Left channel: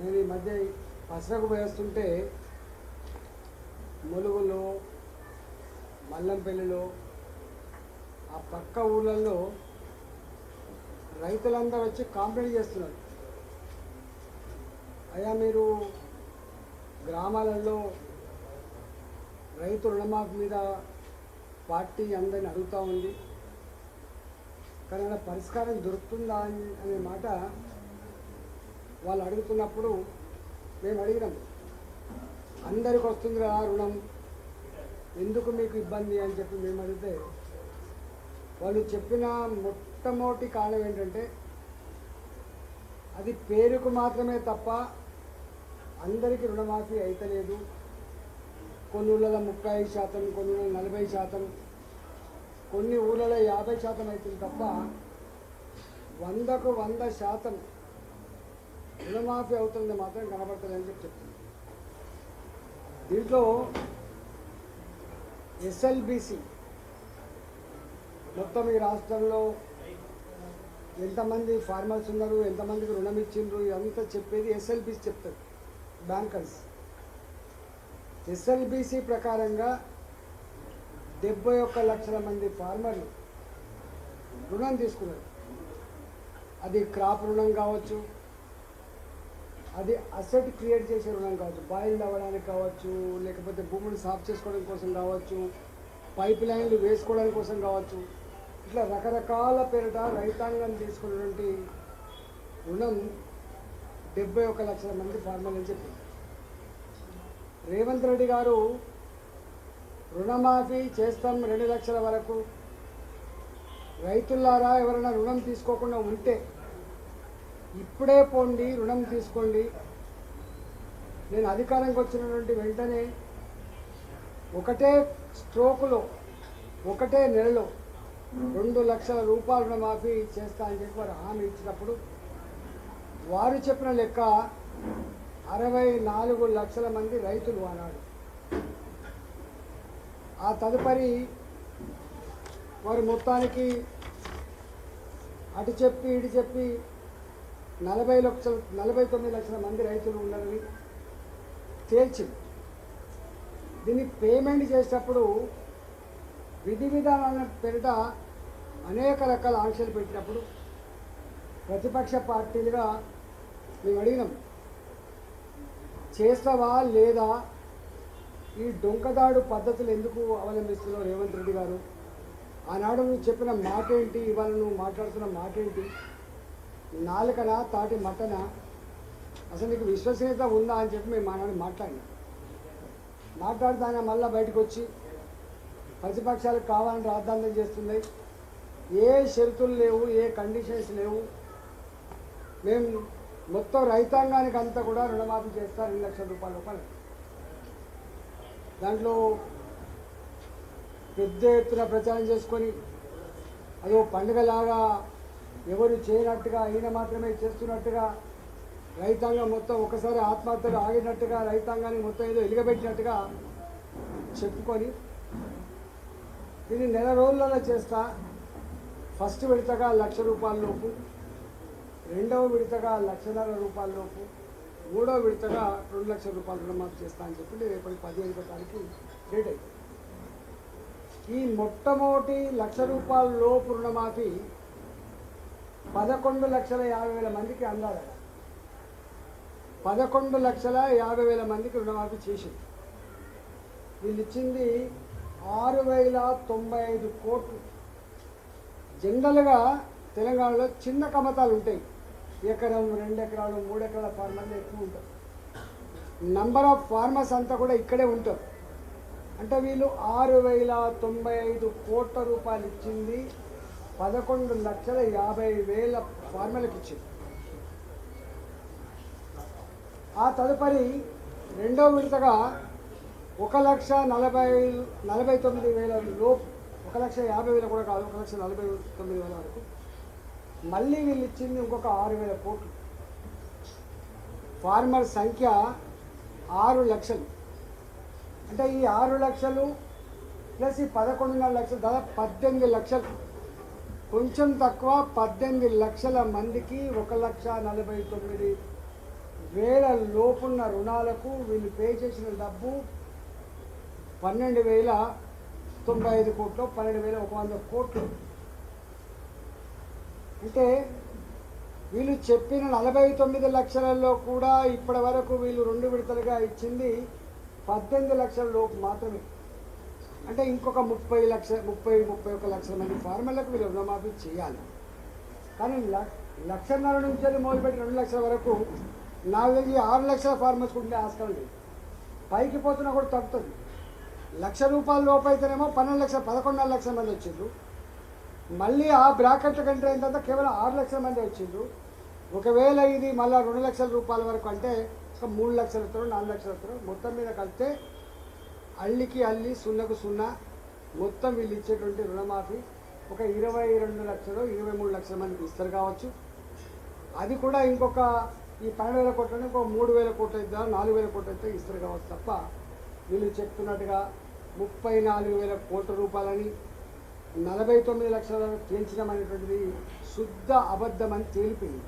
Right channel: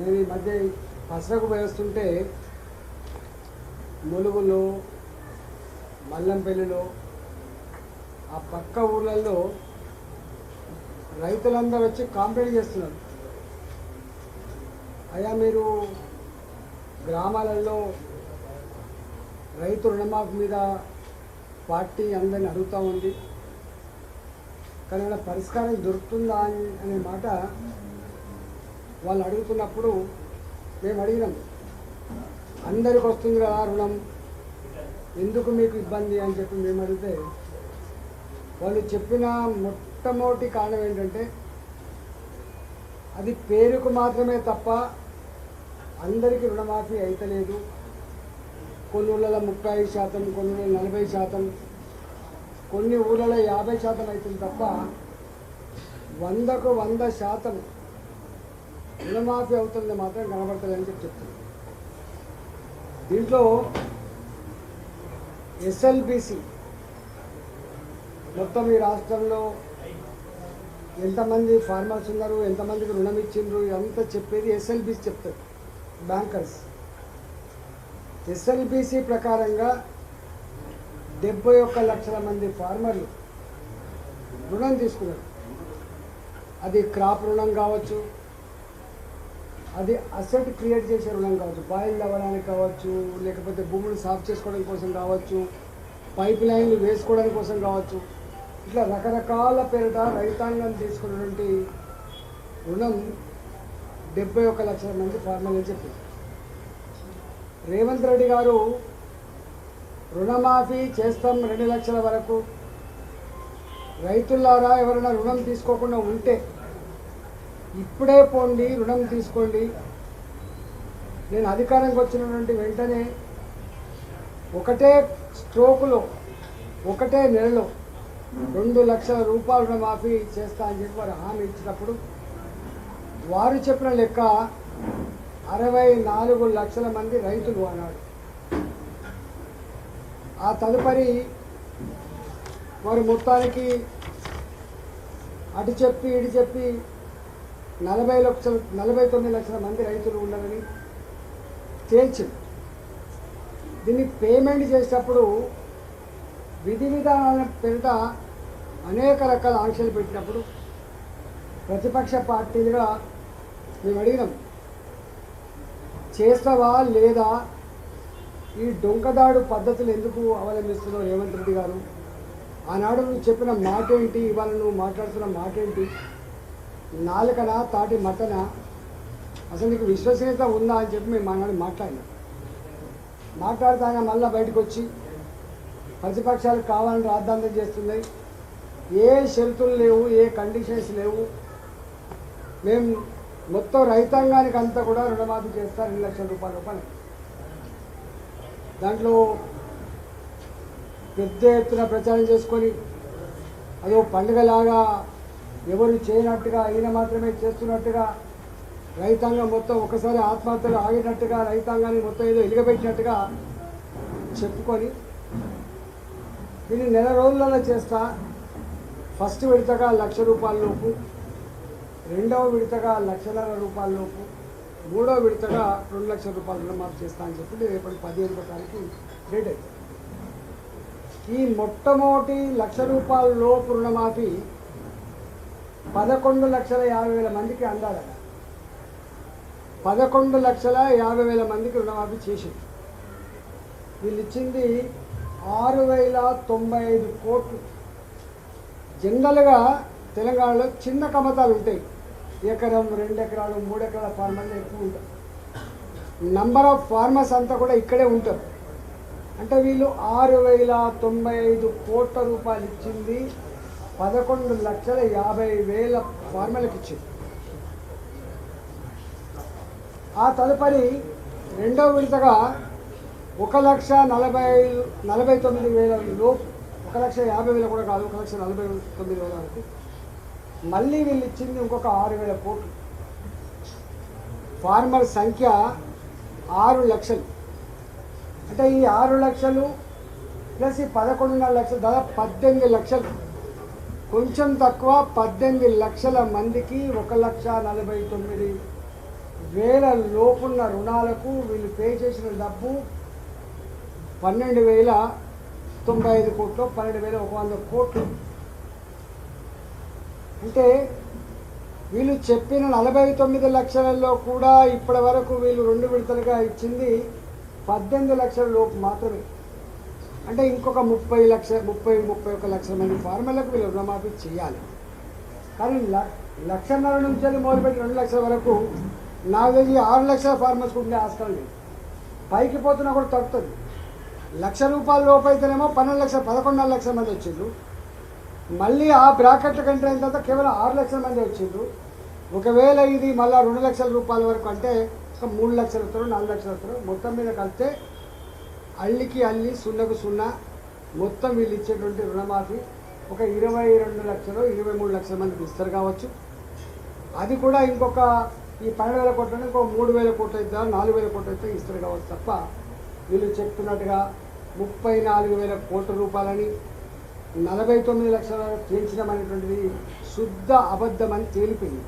నేను ఈ మధ్య పసరకు వేస్తుంటే ములుగులు మల్లంపల్లిలో ఆ పక్క ఊళ్ళల్లో రైతులందరూ వచ్చి కాంప్లైంట్ చేస్తున్నారు. అయ్యా మీరు గ్రామాలలో రైతు రుణమాఫీ మీద పార్టీ అందరిని అడుగుతూ ఉంది, కానీ అలా పరిష్కారం దొరుకుతుందా అనే మాట వాళ్ళు అడుగుతున్నప్పుడు మేము అడిగినాం, అందరికి వస్తుంది కదా రుణం, ఎందుకు మీకు ఇబ్బంది అని చెప్పి మేము అడిగితే వాళ్ళు చెప్పిన మొట్టమొదటి కారణం ఏంటంటే అది పేరుకు మాత్రమే తప్ప అందరికీ రుణమాఫీ అయితలేదు. కొన్ని ఊళ్ళలో 35%, కొన్ని ఊళ్ళలో 40%, కొన్ని ఊళ్ళలో 50% అవుతుంది తప్ప 100కు 100% రుణమాఫీ అవుతుంది మాత్రం కనబడుతుంది అని చెప్తుంది. దీంట్లో ఎస్ఎల్బిసి మొత్తం ఈ రాష్ట్రంలో ఎంతమంది ఫార్మర్స్ ఉన్నారు, ఎంతమందికి రుణం ఇచ్చిండ్రు, అంతా చెప్పేది ఎస్ఎల్బిసి చెప్తారు బ్యాంకర్స్. ఎస్ఎల్బిసి ప్రకారంగా 71 లక్షల మంది ఫార్మర్లు రుణం తీసుకున్నారు. అది క్రాప్ రుణం కావచ్చు, అది అసెట్ క్రియేట్ చేసే రుణం కావచ్చు, బాయిల్ అవ్వడానికి కావచ్చు, లేకపోతే భూములు సాఫ్ చేసుకోవడం కోసం కావచ్చు, పైప్ లైన్లు వేసుకోవడానికి కోసం కావచ్చు, ఇట్లా రకరకాల పేరిట రైతాంగం తీసుకున్నటువంటి రుణం 71 లక్షల మంది ఫార్మర్లు అని చెప్పి రేవంత్ రెడ్డి గారు రుణమాఫీ చేస్తాం 2 లక్షల వరకు, రైతులారా ఎవరైనా రుణం తీసుకోకుండా ఉంటే ఇప్పుడే పోండి రుణం తీసుకోండి, నేను అధికారంకి వచ్చినటువంటి వెంటనే ఒకటే స్ట్రోకులో ఒకటే నెలలో 2 లక్షల రూపాయల రుణమాఫీ చేస్తా అని చెప్పి వారు హామీ ఇచ్చినప్పుడు వారు చెప్పిన లెక్క 64 లక్షల మంది రైతులు అన్నాడు. ఆ తదుపరి వారు మొత్తానికి అటు చెప్పి ఇటు చెప్పి 49 లక్షల మంది రైతులు ఉన్నారని తేల్చింది. దీన్ని పేమెంట్ చేసేటప్పుడు విధి విధానాల పేరిట అనేక రకాల ఆంక్షలు పెట్టినప్పుడు ప్రతిపక్ష పార్టీలుగా మేము అడిగినాం, చేస్తావా లేదా, ఈ డొంకదాడు పద్ధతులు ఎందుకు అవలంబిస్తున్నావు రేవంత్ రెడ్డి గారు, ఆనాడు నువ్వు చెప్పిన మాట ఏంటి, ఇవాళ నువ్వు మాట్లాడుతున్న మాట ఏంటి, నాలుకనా తాటి మటనా, అసలు నీకు విశ్వసనీయత ఉందా అని చెప్పి మేము ఆనాడు మాట్లాడితే ఆయన మళ్ళీ బయటకు వచ్చి ప్రతిపక్షాలు కావాలని రాద్ధాంతం చేస్తున్నాయి, ఏ షరతులు లేవు, ఏ కండిషన్స్ లేవు, మేము మొత్తం రైతాంగానికి అంతా కూడా రుణమాఫీ చేస్తారు 2 లక్షల రూపాయలు. దాంట్లో పెద్ద ఎత్తున ప్రచారం చేసుకొని అదో పండుగలాగా ఎవరు చేయనట్టుగా ఈయన మాత్రమే చేస్తున్నట్టుగా రైతాంగం మొత్తం ఒకసారి ఆత్మహత్యలు ఆగినట్టుగా రైతాంగాన్ని మొత్తం ఏదో ఎలుగబెట్టినట్టుగా చెప్పుకొని దీన్ని 1 నెల రోజులలో చేస్తా, ఫస్ట్ విడతగా 1 లక్ష రూపాయల లోపు, రెండవ విడతగా 1.5 లక్షల రూపాయల లోపు, మూడవ విడతగా 2 లక్షల రూపాయలు రుణమాఫీ చేస్తా అని చెప్పి రేపటి 15వ తారీఖు డేట్ అవుతుంది. ఈ మొట్టమొదటి 1 లక్ష రూపాయల లోపు రుణమాఫీ 11,50,000 మందికి అందాలట. 11,50,000 మందికి రుణమాఫీ చేసింది. వీళ్ళు ఇచ్చింది 6,095 కోట్లు. జనరల్గా తెలంగాణలో చిన్న కమతాలు ఉంటాయి, 1 ఎకరం 2 ఎకరాలు 3 ఎకరాల ఫార్మర్లు ఎక్కువ ఉంటారు. నంబర్ ఆఫ్ ఫార్మర్స్ అంతా కూడా ఇక్కడే ఉంటారు. అంటే వీళ్ళు 6,095 కోట్ల రూపాయలు ఇచ్చింది 11,50,000 ఫార్మర్లకు ఇచ్చింది. ఆ తదుపరి రెండవ విడతగా 1,49,000 లోపు, 1,50,000 కూడా కాదు, 1,49,000 వరకు మళ్ళీ వీళ్ళు ఇచ్చింది ఇంకొక 6,000 కోట్లు. ఫార్మర్ సంఖ్య 6 లక్షలు. అంటే ఈ 6 లక్షలు ప్లస్ ఈ 11.5 లక్షలు, దాదాపు 18 లక్షలు, కొంచెం తక్కువ 18 లక్షల మందికి 1,49,000 వేల లోపున్న రుణాలకు వీళ్ళు పే చేసిన డబ్బు 12,095 కోట్లు, 12,100 కోట్లు. అంటే వీళ్ళు చెప్పిన 49 లక్షలలో కూడా ఇప్పటి వరకు వీళ్ళు 2 విడతలుగా ఇచ్చింది 18 లక్షల లోపు మాత్రమే. అంటే ఇంకొక 31 లక్షల మంది ఫార్మర్లకు వీళ్ళు రుణమాఫీ చేయాలి. కానీ 1,50,000 నుంచి మొదలుపెట్టి 2 లక్షల వరకు నాకు తెలిసి 6 లక్షల ఫార్మర్స్కి ఉండే ఆస్కారం లేదు. పైకి పోతున్నా కూడా తగ్గుతుంది. ₹1,00,000 లోపు అయితేనేమో 11 లక్షల మంది వచ్చిండ్రు. మళ్ళీ ఆ బ్రాకెట్ల కంటే అయిన తర్వాత కేవలం 6 లక్షల మంది వచ్చిండ్రు. ఒకవేళ ఇది మళ్ళీ ₹2,00,000 వరకు అంటే ఒక 3 లక్షలతో 4 లక్షలతో మొత్తం మీద కలిస్తే అల్లికి అల్లి సున్నకు సున్నా మొత్తం వీళ్ళు ఇచ్చేటువంటి రుణమాఫీ ఒక 22 లక్షలు 23 లక్షల మందికి ఇస్తారు కావచ్చు. అది కూడా ఇంకొక ఈ 12,000 కోట్లని ఇంకో 3,000 కోట్లు అయితే 4,000 కోట్లు అయితే ఇస్తారు కావచ్చు తప్ప వీళ్ళు చెప్తున్నట్టుగా 34,000 కోట్ల రూపాయలని 49 లక్షల పెంచడం అనేటువంటిది శుద్ధ అబద్ధం అని తేలిపోయింది.